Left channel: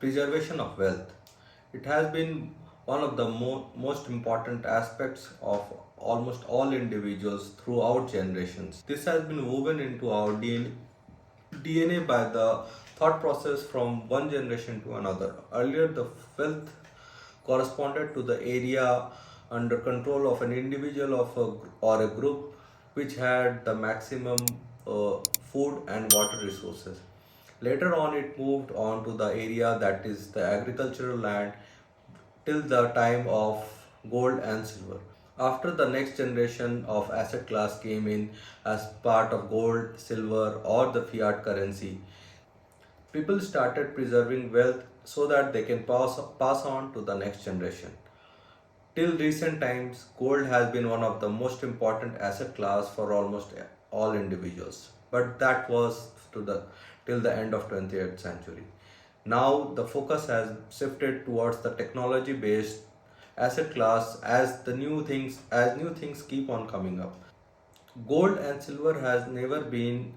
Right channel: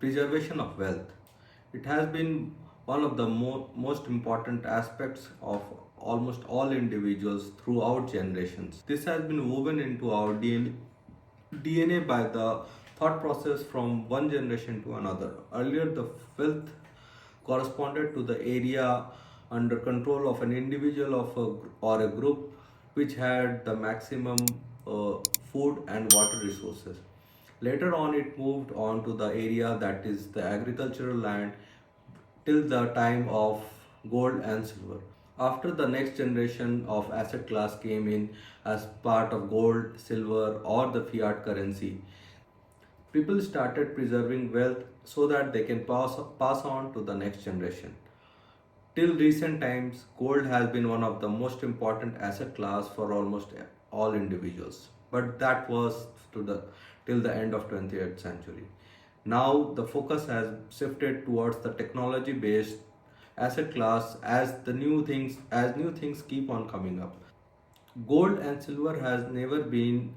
Preservation of wealth. It has been one of the most important aspects of almost all individuals throughout generations. This has been woven into our DNA by the thought process from one generation to another. Earlier, the wealth corresponded to the area under control of an individual or a group which had the maximum food and water resources. Later on, it moved on to the area that is the agricultural land till the time of gold and silver. After the next generation of asset class came in as part of gold, silver, or the fiat currency, people started preserving wealth so that they can pass on to the next generation. Till recent times, gold has been one of the most important asset class for almost all individuals. But that was to the till the end of 20th century. Now the focus has shifted towards the technology based asset class as new things keep on coming up. Gold and silver has never been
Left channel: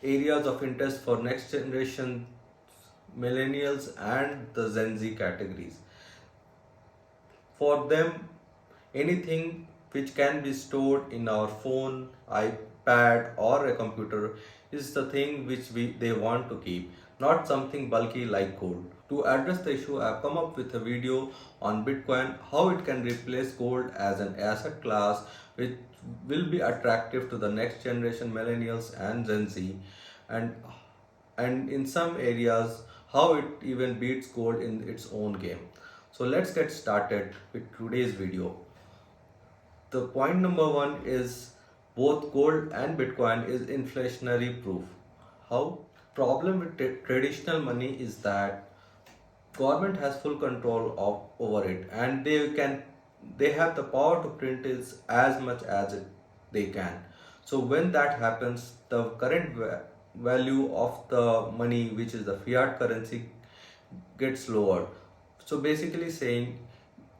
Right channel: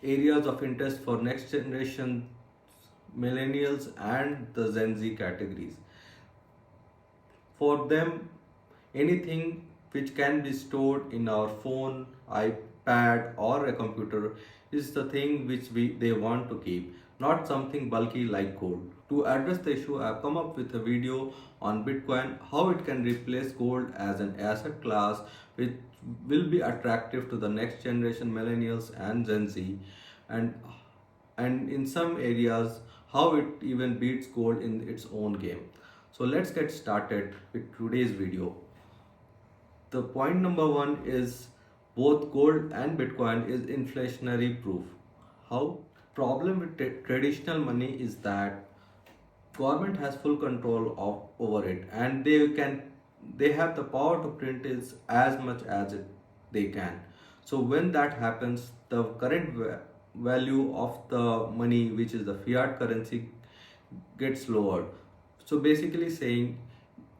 areas of interest for next generation millennials and the Gen Z categories. For them, anything which can be stored in our phone, iPad, or a computer is the thing which they want to keep, not something bulky like gold. To address the issue, I have come up with a video on Bitcoin, how it can replace gold as an asset class which will be attractive to the next generation millennials and Gen Z, and in some areas how it even beats gold in its own game. So let's get started with today's video. The point number one is both gold and Bitcoin is inflationary proof. How? Problem with traditional money is that government has full control over it, and they have the power to print it as much as they can. So when that happens, the current value of the money, which is the fiat currency, gets lowered. So basically saying,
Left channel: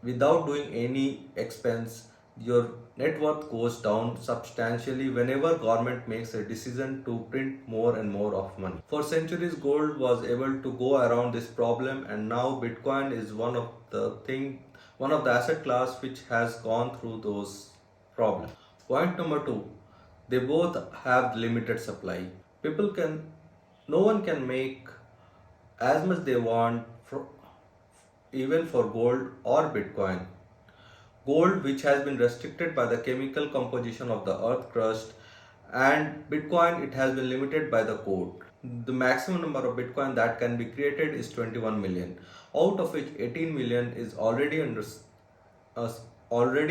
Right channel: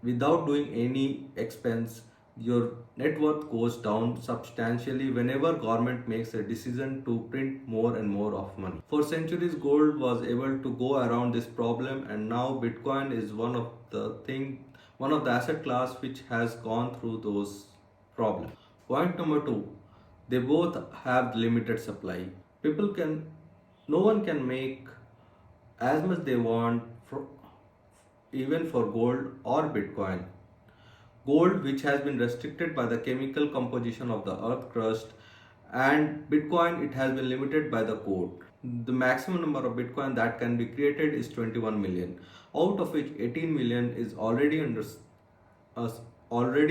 without doing any expense, your net worth goes down substantially whenever government makes a decision to print more and more of money. For centuries, gold was able to go around this problem, and now Bitcoin is one of the asset class which has gone through those problems. Point number two, they both have limited supply. No one can make as much they want even for gold or Bitcoin. Gold, which has been restricted by the chemical composition of the earth crust, and Bitcoin, it has been limited by the code. The maximum number of Bitcoin that can be created is 21 million, out of which 18 million is already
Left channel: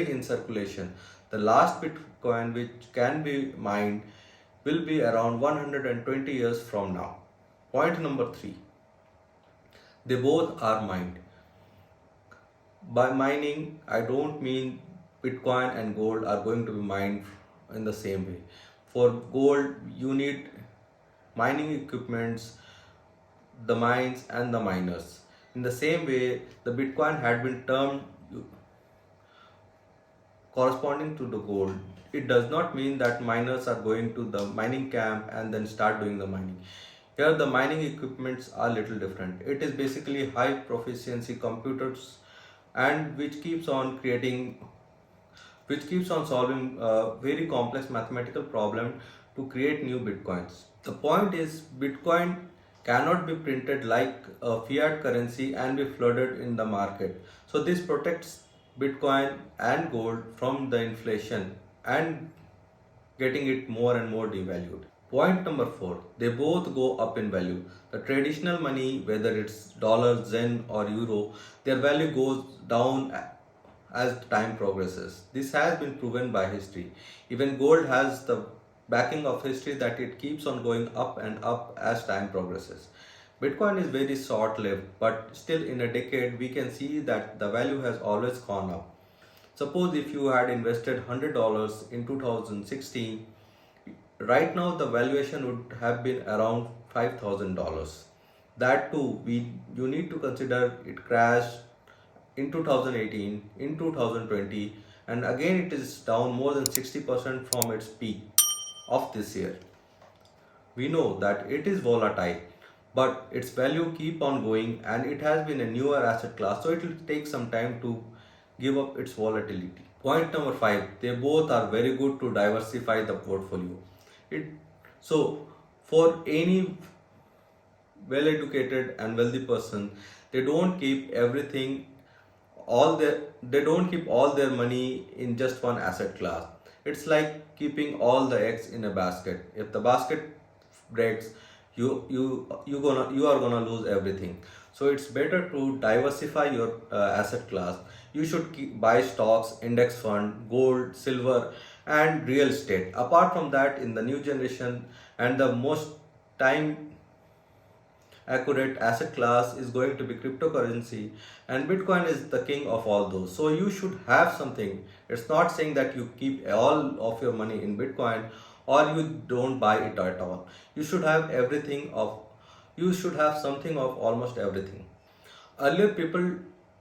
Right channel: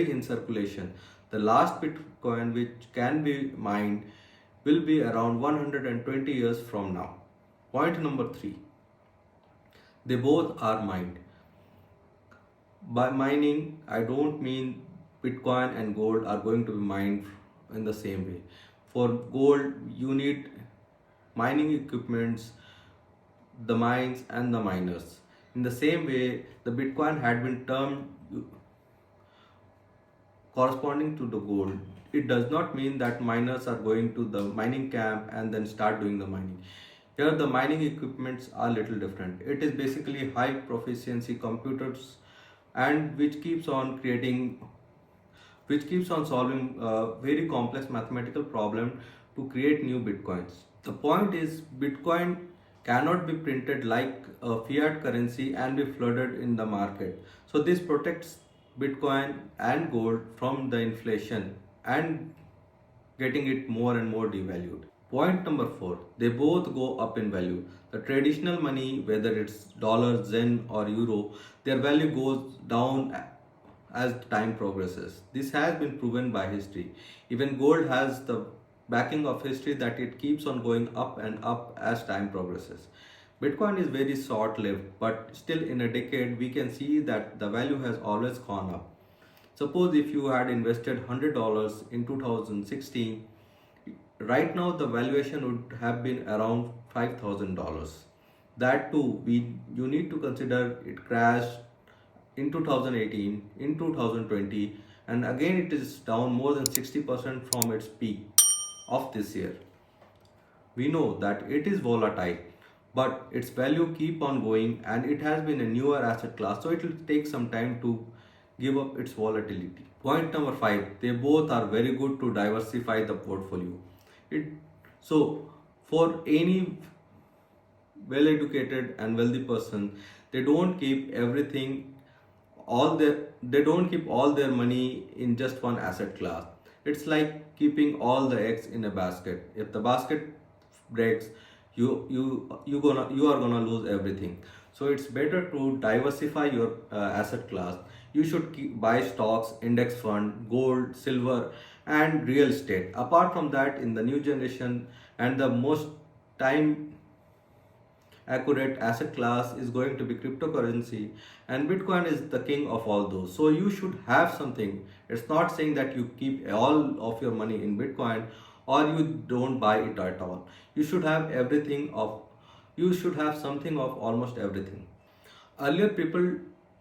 in circulation. The last Bitcoin which can be mined will be around 120 years from now. Point number three, they both are mined. By mining, I don't mean Bitcoin and gold are going to be mined in the same way. For gold, you need mining equipments, the mines, and the miners. In the same way, the Bitcoin had been termed corresponding to the gold. It does not mean that miners are going to the mining camp and then start doing the mining. Here, the mining equipments are little different. It is basically high proficiency computers, and which keeps on solving very complex mathematical problem to create new Bitcoins. The point is, Bitcoin cannot be printed like a fiat currency and be flooded in the market. So this protects Bitcoin and gold from the inflation and getting it more and more devalued. Point number four, they both go up in value. The traditional money, whether it's dollar, yen, or euro, their value goes down as time progresses. This has been proven by history. Even gold has the backing of history that it keeps on going up and up as time progresses. Bitcoin is very short lived, but still in a decade we can see that the value has always gone up. Suppose if you had invested $100 in 2016, right now the valuation would have been around $5,000. That too, you need to consider it crashed in 2018, in 2020, and again it is down more than 60% from its peak of this year. We know that it is volatile, but its value keep on going, and it has been a newer asset class, so it will take some time to give up its volatility. Point number 5, they both are very good to diversify the portfolio. It so for any well educated and wealthy person, they don't keep everything all their they don't keep all their money in just one asset class. It's like keeping all the eggs in a basket. If the basket breaks, you are gonna lose everything. So it's better to diversify your asset class. You should buy stocks, index fund, gold, silver, and real estate. Apart from that, in the new generation and the most time accurate asset class is going to be cryptocurrency, and bitcoin is the king of all those. So you should have something. It's not saying that you keep all of your money in bitcoin or you don't buy it at all. You should have everything of you should have something of almost everything. Earlier, people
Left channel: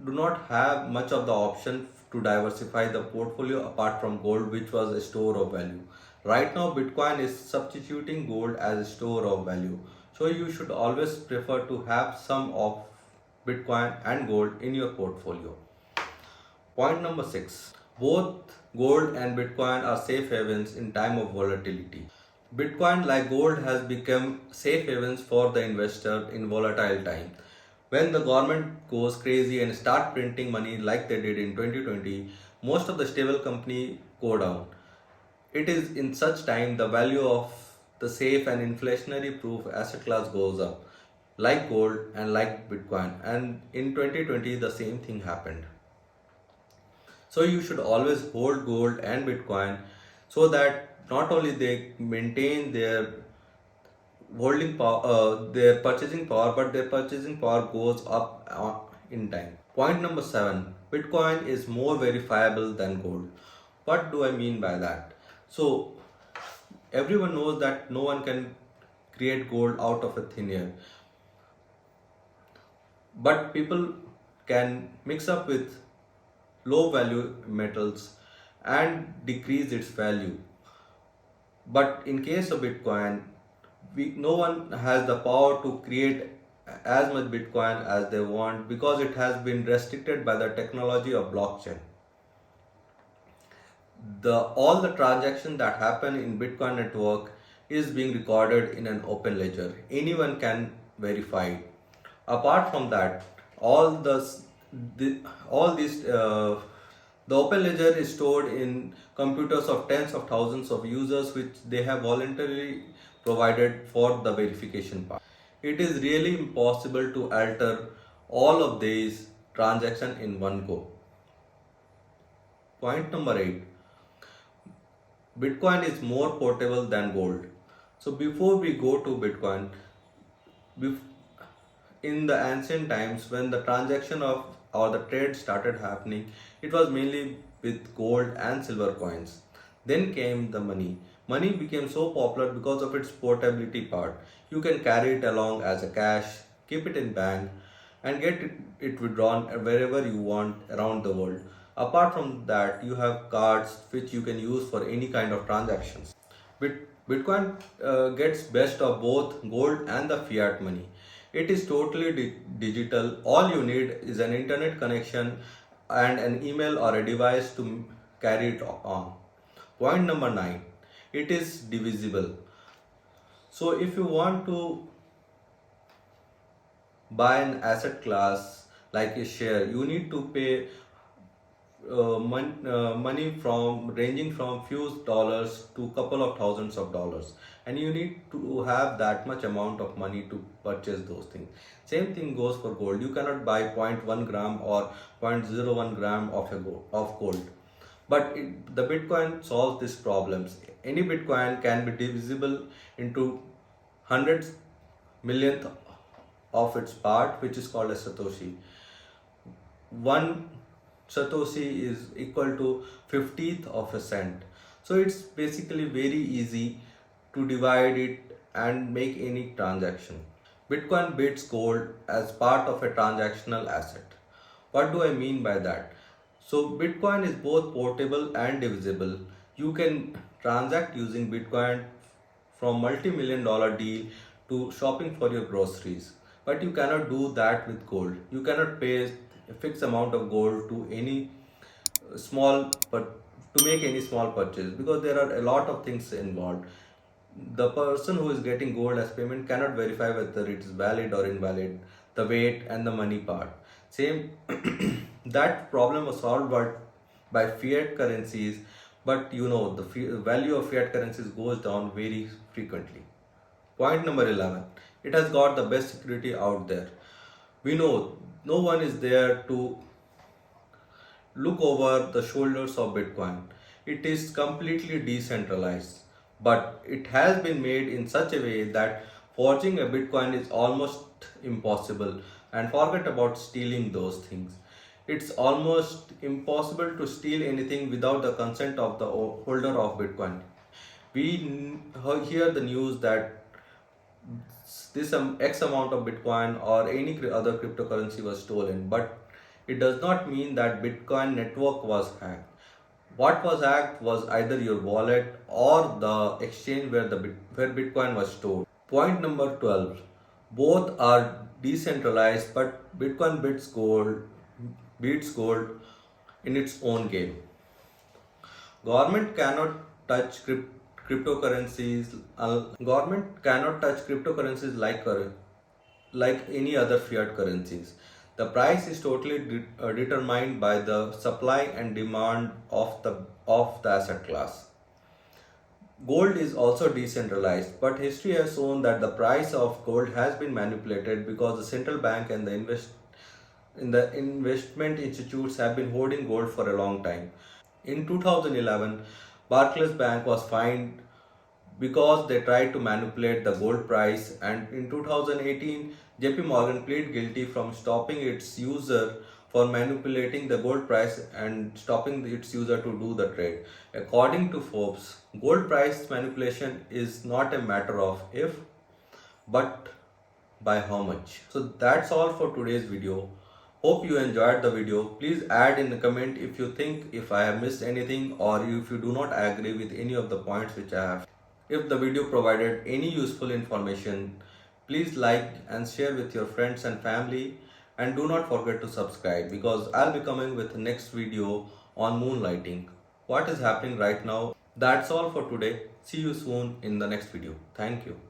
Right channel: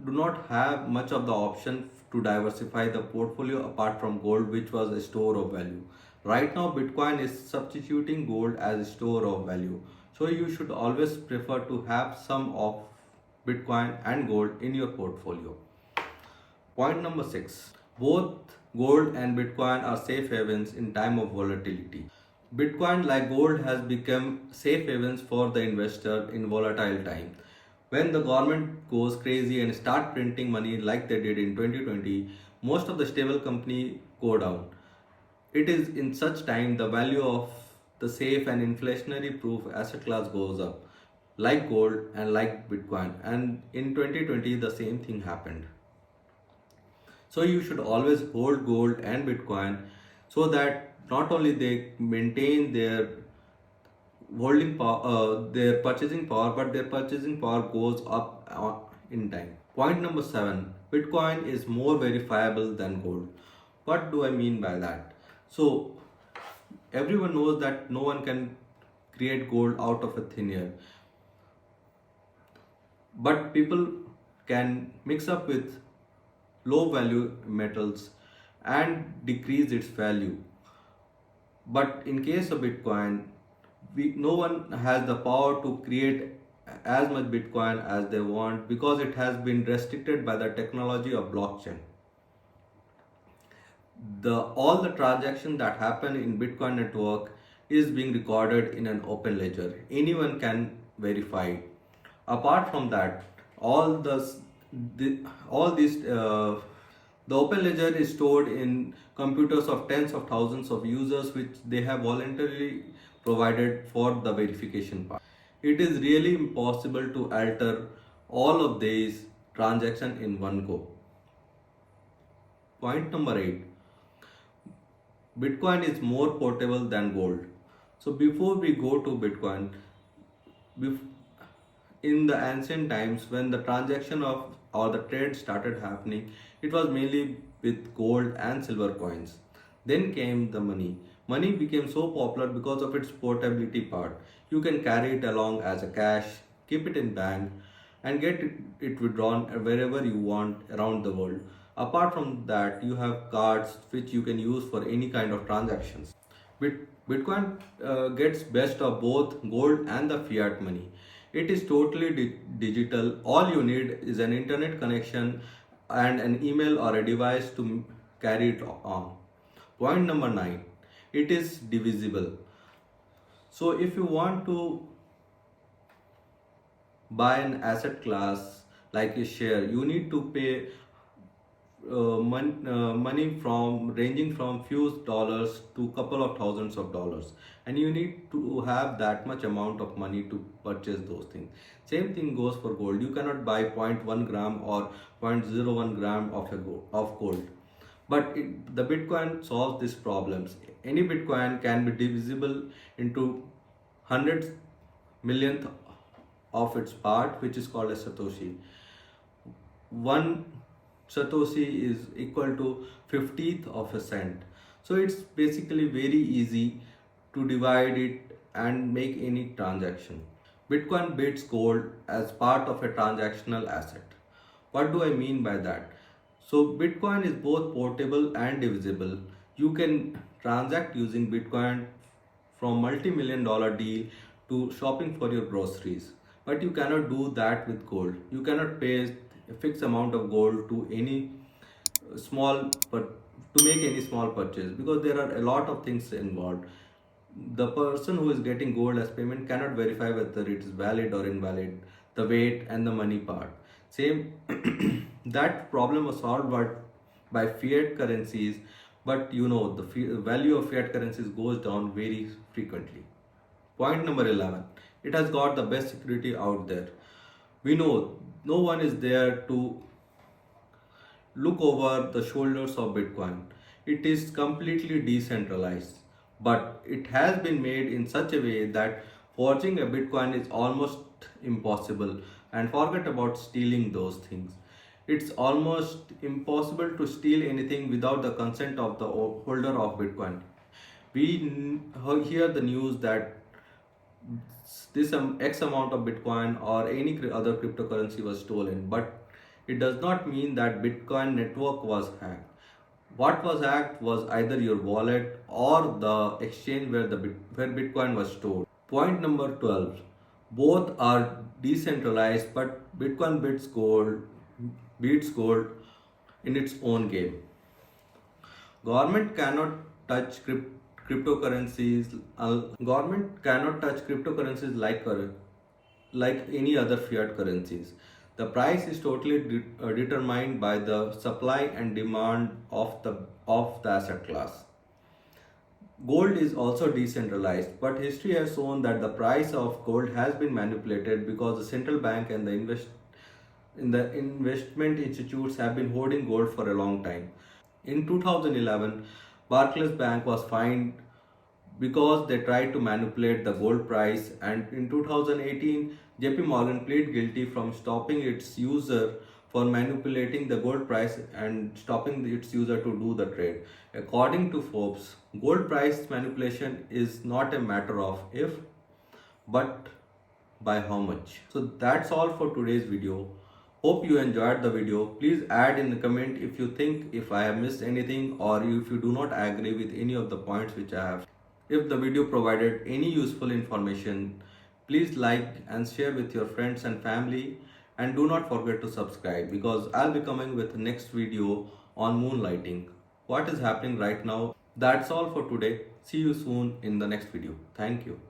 do not have much of the option to diversify the portfolio apart from gold, which was a store of value. Right now, Bitcoin is substituting gold as a store of value. So you should always prefer to have some of Bitcoin and gold in your portfolio. Point number 6. Both gold and Bitcoin are safe havens in time of volatility. Bitcoin, like gold, has become safe havens for the investor in volatile time. When the government goes crazy and start printing money like they did in 2020, most of the stable company go down. It is in such time the value of the safe and inflationary proof asset class goes up, like gold and like Bitcoin. And in 2020, the same thing happened. So you should always hold gold and Bitcoin so that not only they maintain their holding power, their purchasing power, but their purchasing power goes up in time. Point number 7, Bitcoin is more verifiable than gold. What do I mean by that? So everyone knows that no one can create gold out of a thin air, but people can mix up with low value metals and decrease its value. But in case of Bitcoin, no one has the power to create as much Bitcoin as they want because it has been restricted by the technology of blockchain. All the transactions that happen in Bitcoin network is being recorded in an open ledger. Anyone can verify it. Apart from that, all these the open ledger is stored in computers of tens of thousands of users, which they have voluntarily provided for the verification part. It is really impossible to alter all of these transactions in one go. Point number 8, Bitcoin is more portable than gold. So before we go to Bitcoin, in the ancient times when the transaction of or the trade started happening, it was mainly with gold and silver coins. Then came the money. Money became so popular because of its portability part. You can carry it along as a cash, keep it in bank, and get it withdrawn wherever you want around the world. Apart from that, you have cards which you can use for any kind of transactions. Bitcoin gets best of both gold and the fiat money. It is totally digital. All you need is an internet connection and an email or a device to carry it on. Point number 9, it is divisible. So if you want to buy an asset class like a share, you need to pay money from ranging from few dollars to couple of thousands of dollars, and you need to have that much amount of money to purchase those things. Same thing goes for gold. You cannot buy 0.1 gram or 0.01 gram of gold, but the Bitcoin solves these problems. Any Bitcoin can be divisible into hundreds millionth of its part, which is called a Satoshi. One Satoshi is equal to 50th of a cent. So it's basically very easy to divide it and make any transaction. Bitcoin beats gold as part of a transactional asset. What do I mean by that? So Bitcoin is both portable and divisible. You can transact using Bitcoin from multi-million dollar deal to shopping for your groceries. But you cannot do that with gold. You cannot pay a fixed amount of gold to any small but to make any small purchase, because there are a lot of things involved. The person who is getting gold as payment cannot verify whether it is valid or invalid, the weight and the money part. Same that problem was solved by fiat currencies, but the value of fiat currencies goes down very frequently. Point number 11. It has got the best security out there. We know no one is there to look over the shoulders of Bitcoin. It is completely decentralized, but it has been made in such a way that forging a Bitcoin is almost impossible. And forget about stealing those things. It's almost impossible to steal anything without the consent of the holder of Bitcoin. We hear the news that this X amount of Bitcoin or any other cryptocurrency was stolen, but it does not mean that Bitcoin network was hacked. What was hacked was either your wallet or the exchange where Bitcoin was stored. Point number 12. Both are decentralized, but Bitcoin beats gold in its own game. Government cannot touch cryptocurrencies. Government cannot touch cryptocurrencies like any other fiat currencies. The price is totally determined by the supply and demand of the asset class. Gold is also decentralized, but history has shown that the price of gold has been manipulated because the central bank and the investment institutes have been hoarding gold for a long time. In 2011, Barclays Bank was fined because they tried to manipulate the gold price, and in 2018, JP Morgan pleaded guilty from stopping its user for manipulating the gold price and stopping its user to do the trade. According to Forbes, gold price manipulation is not a matter of if, but by how much. So that's all for today's video. Hope you enjoyed the video. Please add in the comment if I have missed anything, or if you do not agree with any of the points which I have. If the video provided any useful information, please like and share with your friends and family, and do not forget to subscribe, because I'll be coming with the next video on moonlighting. What is happening right now? That's all for today. See you soon in the next video. Thank you.